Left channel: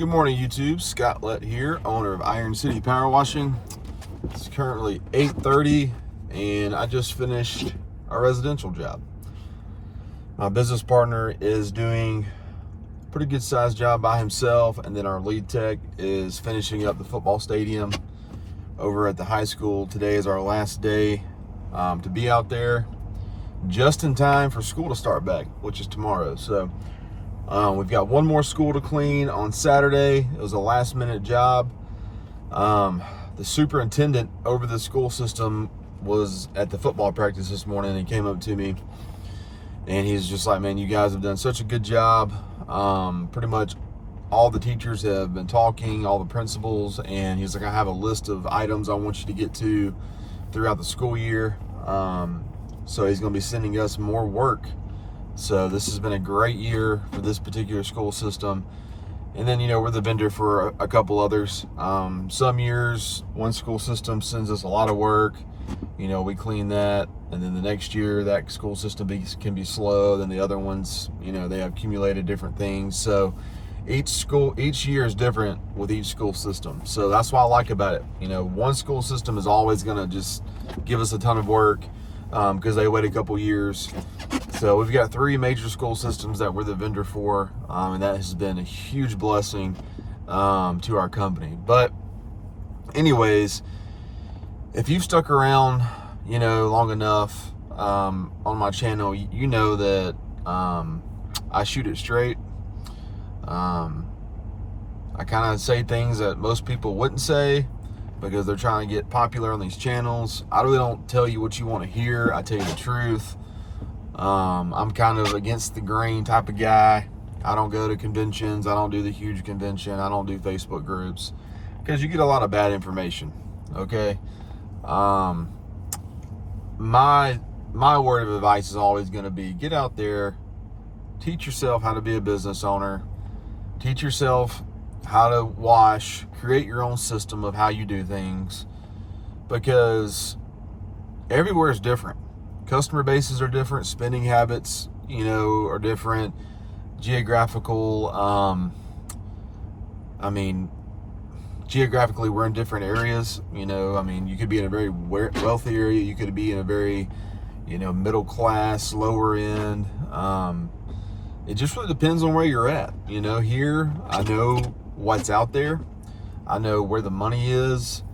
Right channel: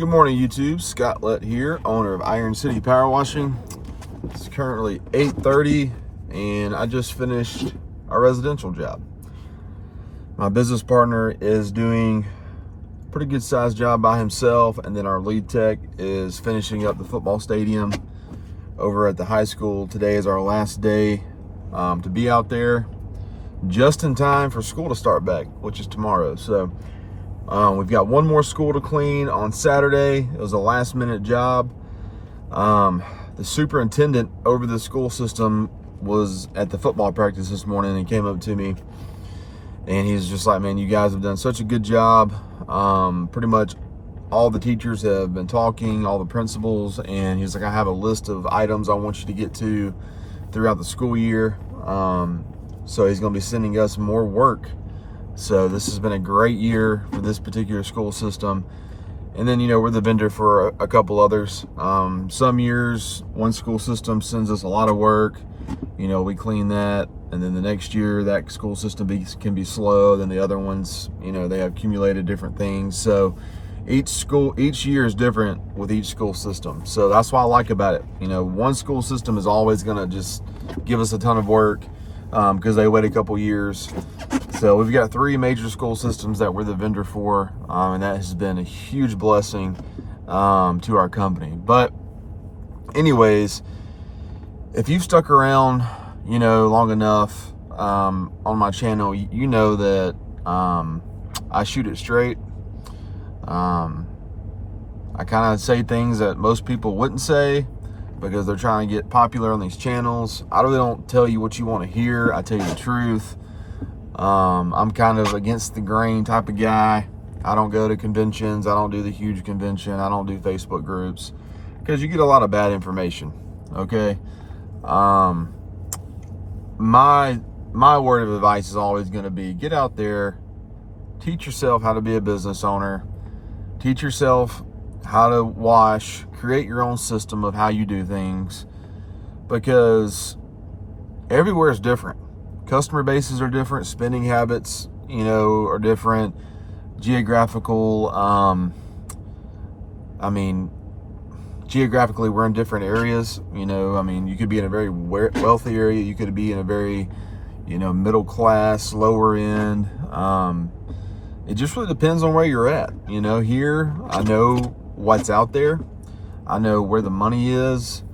Good morning, YouTube. Scott Lett here, owner of Iron City Power Washing. It's currently 8:30 and I just finished a residential job. My business partner is doing a pretty good sized job by himself, and then our lead tech is finishing up the football stadium over at the high school. Today is our last day to be out there, just in time for school to start back, which is tomorrow. So we've got one more school to clean on Saturday. It was a last minute job. The superintendent over the school system was at the football practice this morning, and he came up to me and he's just like, man, you guys have done such a good job. Pretty much all the teachers have been talking, all the principals, and he's like, I have a list of items I want you to get to throughout the school year. So he's going to be sending us more work. So this has been a great year for this particular school system. And then, we're the vendor for a couple others. Some years, one school system sends us a lot of work. We clean that. And then the next year, that school system can be slow. Then the other ones, they have accumulated different things. So each year is different with each school system. So that's what I like about it. One school system is always going to just give us a ton of work because they wait a couple years. So we've got 3 major school systems that we're the vendor for, and that has been a huge blessing to our company. But anyways, if you've stuck around, long enough on my channel, you know that I shoot it straight. I kind of say things that most people wouldn't say because they're trying to get popular on these channels. I really don't tell you what you want to hear. I tell you the truth. I'm kind of against the grain type of guy. I don't go to conventions. I don't do the huge convention. I don't do Facebook groups because you get a lot of bad information. Okay. My word of advice is always going to be get out there, teach yourself how to be a business owner, teach yourself how to wash, create your own system of how you do things, because everywhere is different. Customer bases are different, spending habits, are different. Geographically, we're in different areas. You could be in a very wealthy area. You could be in a very, middle class, lower end. It just really depends on where you're at. Here, I know what's out there. I know where the money is.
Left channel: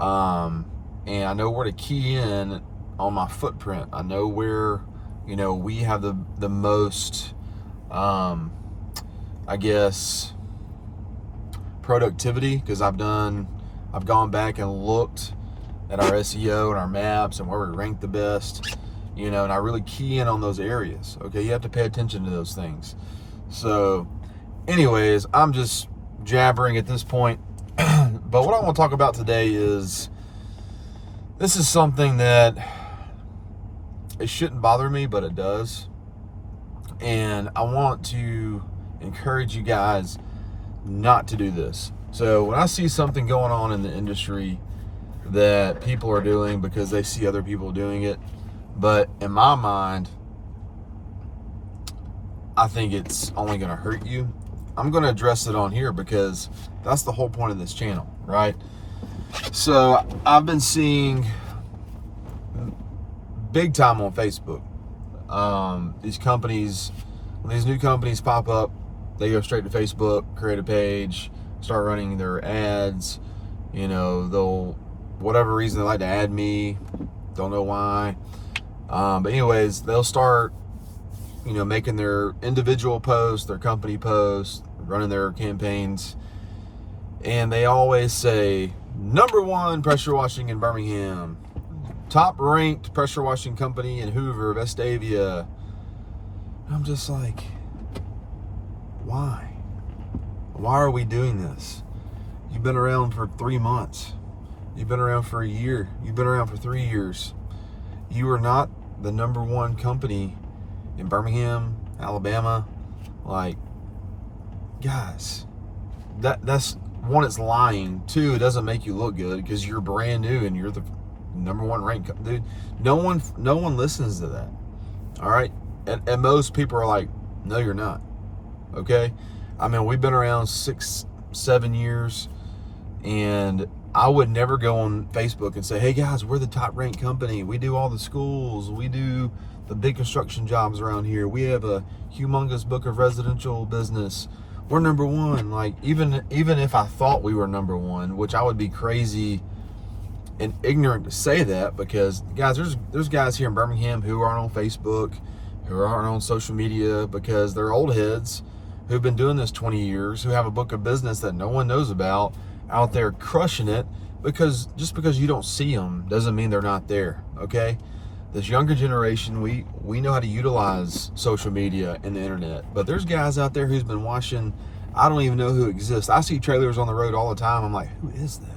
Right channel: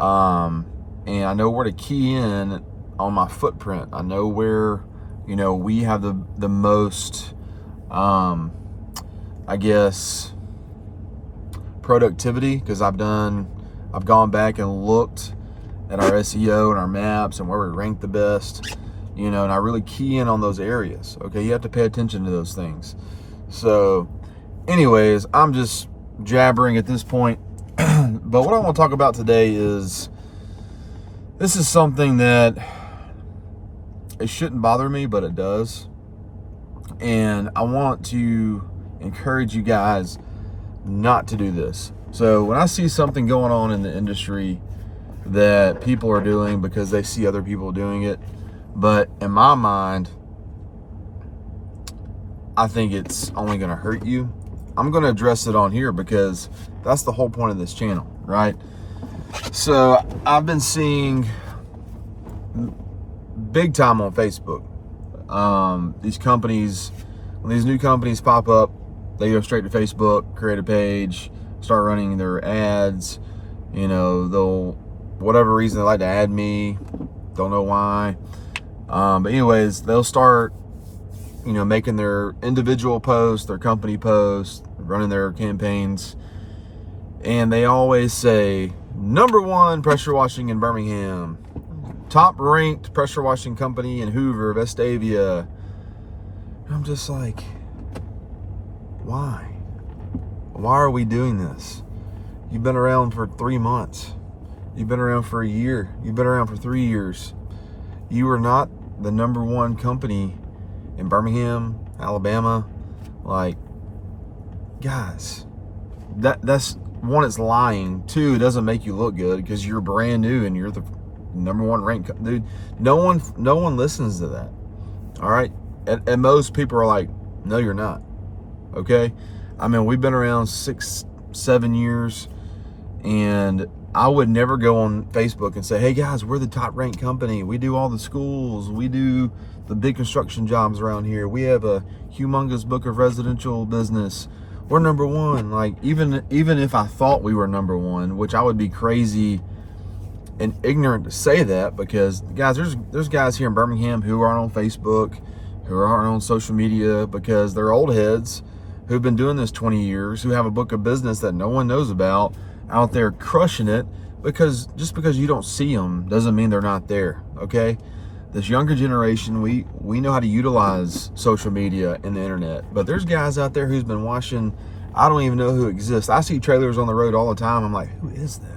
And I know where to key in on my footprint. I know where, we have the most, productivity, because I've gone back and looked at our SEO and our maps and where we rank the best, and I really key in on those areas. Okay. You have to pay attention to those things. So anyways, I'm just jabbering at this point. But what I want to talk about today is, this is something that it shouldn't bother me, but it does. And I want to encourage you guys not to do this. So when I see something going on in the industry that people are doing because they see other people doing it, but in my mind, I think it's only going to hurt you, I'm going to address it on here because that's the whole point of this channel, right? So I've been seeing big time on Facebook. These companies, when these new companies pop up, they go straight to Facebook, create a page, start running their ads. They'll, whatever reason, they like to add me, don't know why. But anyways, they'll start, making their individual posts, their company posts, running their campaigns. And they always say, #1 pressure washing in Birmingham, top ranked pressure washing company in Hoover, Vestavia. I'm just like, why? Why are we doing this? You've been around for 3 months. You've been around for a year. You've been around for 3 years. You are not the #1 company in Birmingham, Alabama. Like, guys, that's one, it's lying. 2, it doesn't make you look good because you're brand new and you're the #1 ranked. Dude, no one listens to that. All right. And most people are like, no, you're not. Okay. We've been around 7 years, and I would never go on Facebook and say, hey guys, we're the top ranked company. We do all the schools. We do the big construction jobs around here. We have a humongous book of residential business. We're number one. Like, even if I thought we were number one, which I would be crazy and ignorant to say that, because guys, there's guys here in Birmingham who aren't on Facebook, who aren't on social media, because they're old heads who've been doing this 20 years, who have a book of business that no one knows about, out there crushing it. Because just because you don't see them doesn't mean they're not there. Okay, this younger generation, we know how to utilize social media and the internet, but there's guys out there who's been watching, I don't even know who exists. I see trailers on the road all the time. I'm like, who is that?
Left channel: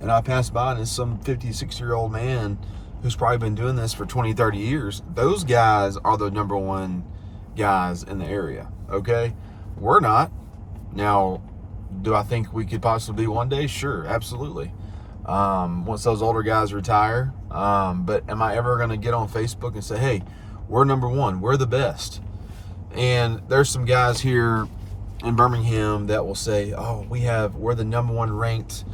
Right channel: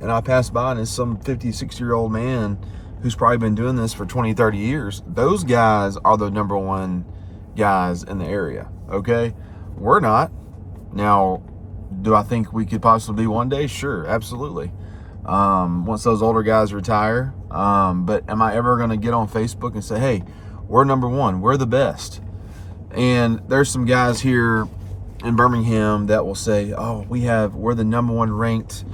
And I pass by and it's some 50, 60-year-old man who's probably been doing this for 20, 30 years. Those guys are the number one guys in the area, okay? We're not. Now, do I think we could possibly be one day? Sure, absolutely. Once those older guys retire. But am I ever going to get on Facebook and say, hey, we're number one, we're the best? And there's some guys here in Birmingham that will say, oh, we're the number one ranked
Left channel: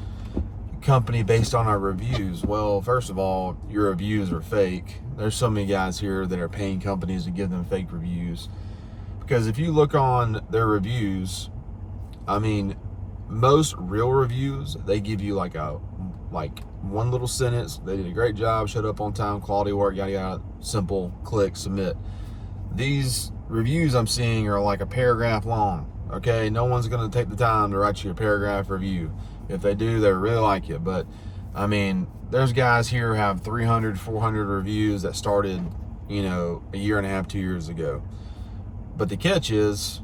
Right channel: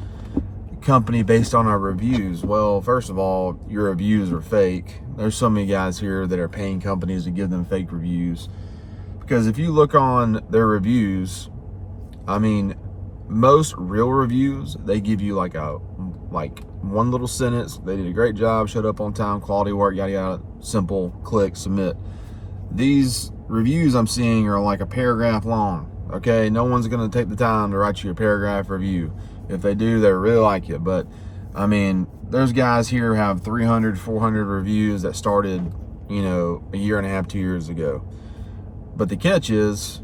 company based on our reviews. Well, first of all, your reviews are fake. There's so many guys here that are paying companies to give them fake reviews, because if you look on their reviews, I mean, most real reviews, they give you like one little sentence: they did a great job, showed up on time, quality work, yada yada, simple, click, submit. These reviews I'm seeing are like a paragraph long. Okay, no one's going to take the time to write you a paragraph review. If they do, they really like you. But I mean, there's guys here who have 300, 400 reviews that started, a year and a half, 2 years ago. But the catch is,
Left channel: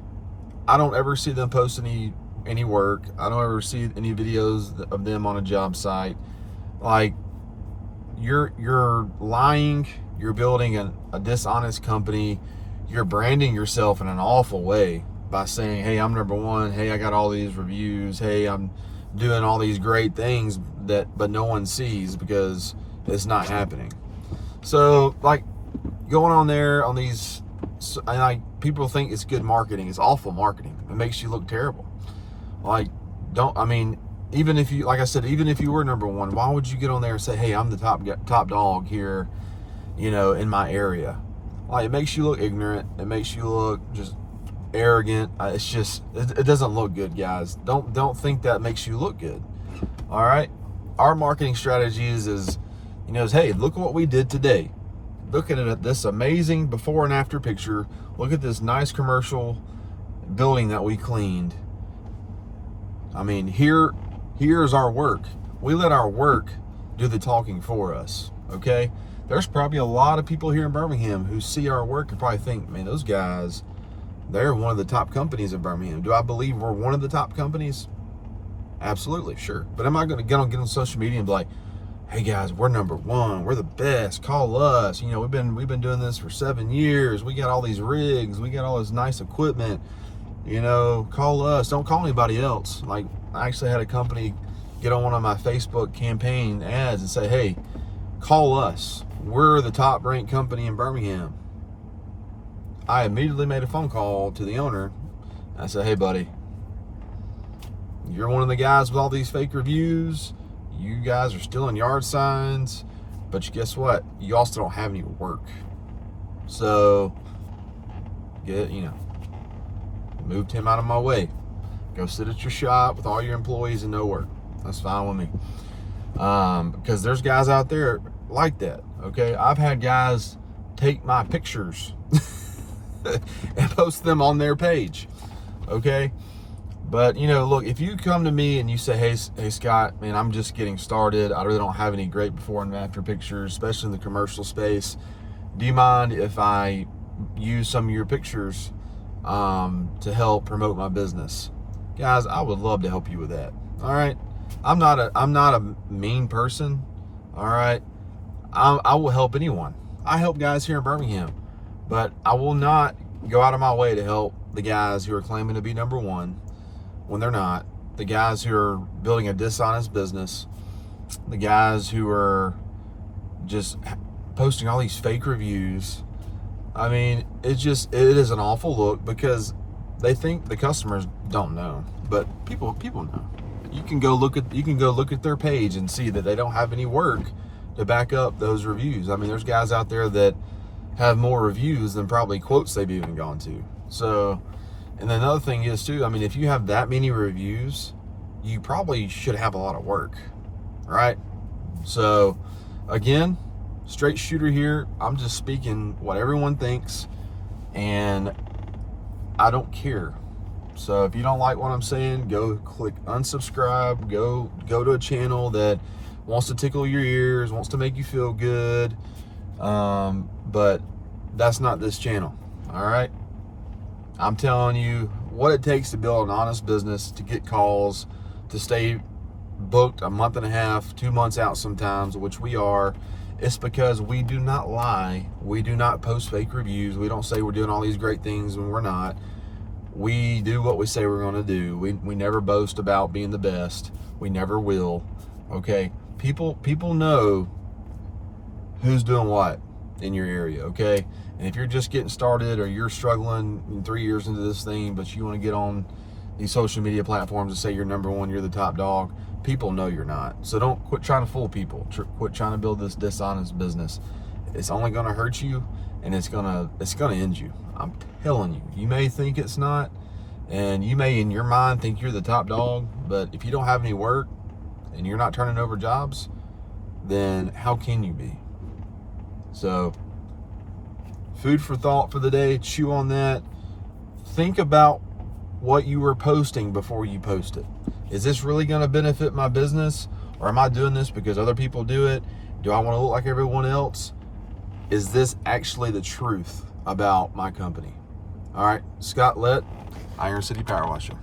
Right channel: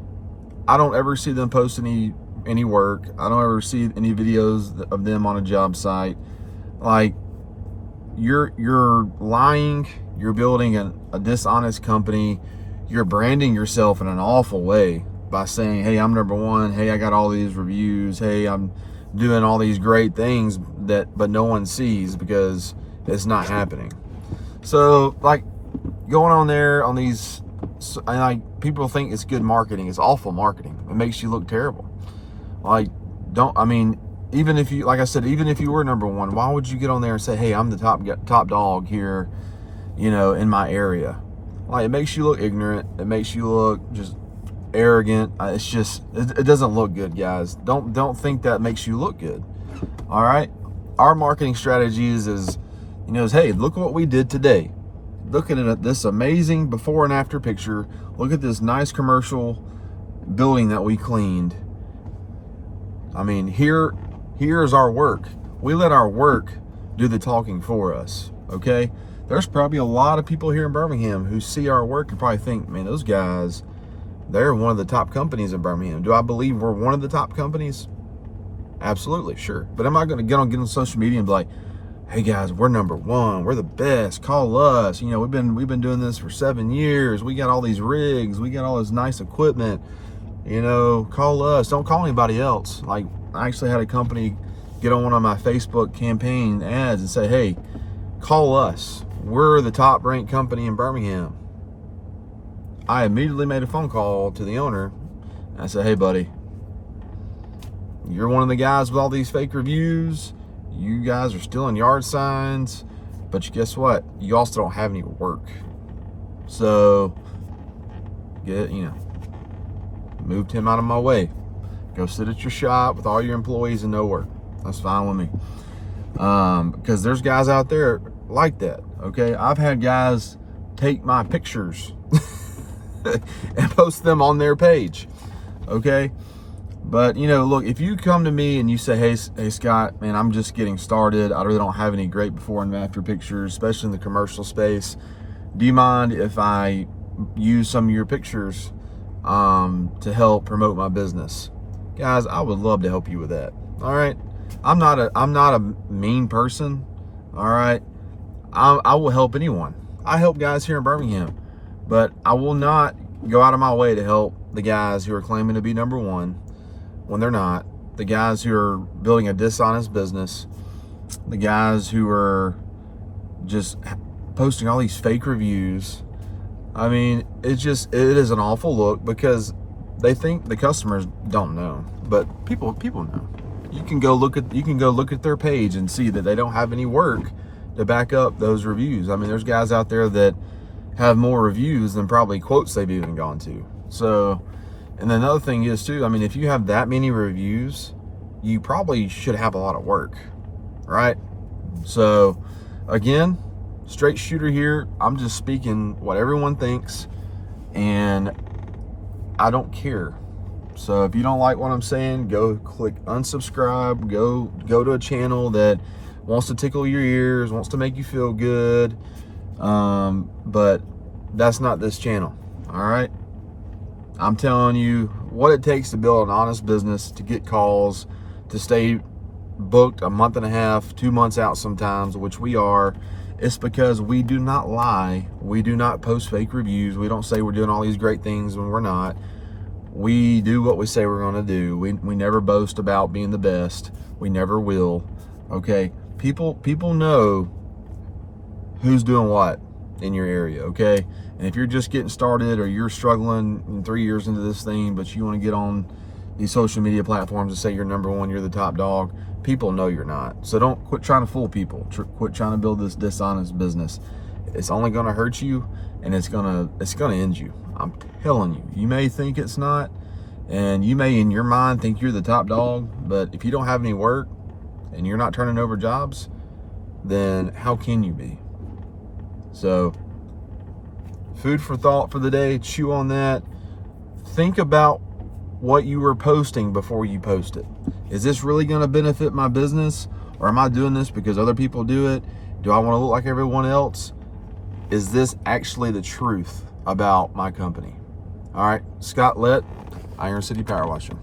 I don't ever see them post any work. I don't ever see any videos of them on a job site. Like, you're lying. You're building a dishonest company. You're branding yourself in an awful way by saying, hey, I'm number one. Hey, I got all these reviews. Hey, I'm doing all these great things but no one sees, because it's not happening. So, like, going on there on these, and like, people think it's good marketing. It's awful marketing. It makes you look terrible. Like, even if you, like I said, even if you were number one, why would you get on there and say, hey, I'm the top dog here, in my area? Like, it makes you look ignorant. It makes you look just arrogant. It doesn't look good, guys. Don't think that makes you look good. All right, our marketing strategies is hey, look what we did today. Look at this amazing before and after picture. Look at this nice commercial building that we cleaned. I mean, here's our work. We let our work do the talking for us. Okay, there's probably a lot of people here in Birmingham who see our work and probably think, man, those guys, they're one of the top companies in Birmingham. Do I believe we're one of the top companies? Absolutely, sure. But am I going to get on social media and be like, hey guys, we're number one, we're the best, call us? We've been doing this for 7 years. We got all these rigs, we got all this nice equipment. Call us. Don't call anybody else. Like, I actually had a company get on one of my Facebook campaign ads and say, hey, call us. We're the top ranked company in Birmingham. I immediately made a phone call to the owner. I said, hey, buddy, you're one of the guys with all these fake reviews. You guys are stealing yard signs, but guess what? You also don't have any work. So, moved him out of my way. Go sit at your shop with all your employees and no work. That's fine with me. Because there's guys out there like that. Okay, I've had guys take my pictures and post them on their page. Okay, but look, if you come to me and you say, hey Scott, man, I'm just getting started, I really don't have any great before and after pictures, especially in the commercial space. Do you mind if I use some of your pictures to help promote my business? Guys, I would love to help you with that. All right, I'm not a mean person. All right, I will help anyone. I help guys here in Birmingham, but I will not go out of my way to help the guys who are claiming to be number one when they're not, the guys who are building a dishonest business, the guys who are just posting all these fake reviews. I mean, it is an awful look, because they think the customers don't know. but people know. You can go look at their page and see that they don't have any work to back up those reviews. I mean, there's guys out there that have more reviews than probably quotes they've even gone to. So, and then another thing is too, I mean, if you have that many reviews, you probably should have a lot of work, right? So again, straight shooter here. I'm just speaking what everyone thinks, and I don't care. So if you don't like what I'm saying, go click unsubscribe, go to a channel that wants to tickle your ears, wants to make you feel good. But that's not this channel. All right. I'm telling you what it takes to build an honest business, to get calls, to stay booked a month and a half, 2 months out sometimes, which we are. It's because we do not lie. We do not post fake reviews. We don't say we're doing all these great things when we're not. We do what we say we're going to do. We never boast about being the best. We never will. Okay. People know who's doing what in your area. Okay. And if you're just getting started, or you're struggling 3 years into this thing, but you want to get on these social media platforms and say you're number one, you're the top dog, people know you're not. So don't quit trying to fool people. Quit trying to build this dishonest business. It's only going to hurt you, and it's gonna end you. I'm telling you. You may think it's not, and you may in your mind think you're the top dog, but if you don't have any work and you're not turning over jobs, then how can you be? So, food for thought for the day. Chew on that. Think about what you were posting before you post it. Is this really going to benefit my business, or am I doing this because other people do it? Do I want to look like everyone else? Is this actually the truth about my company? All right, Scott Lett, Iron City Power Washing.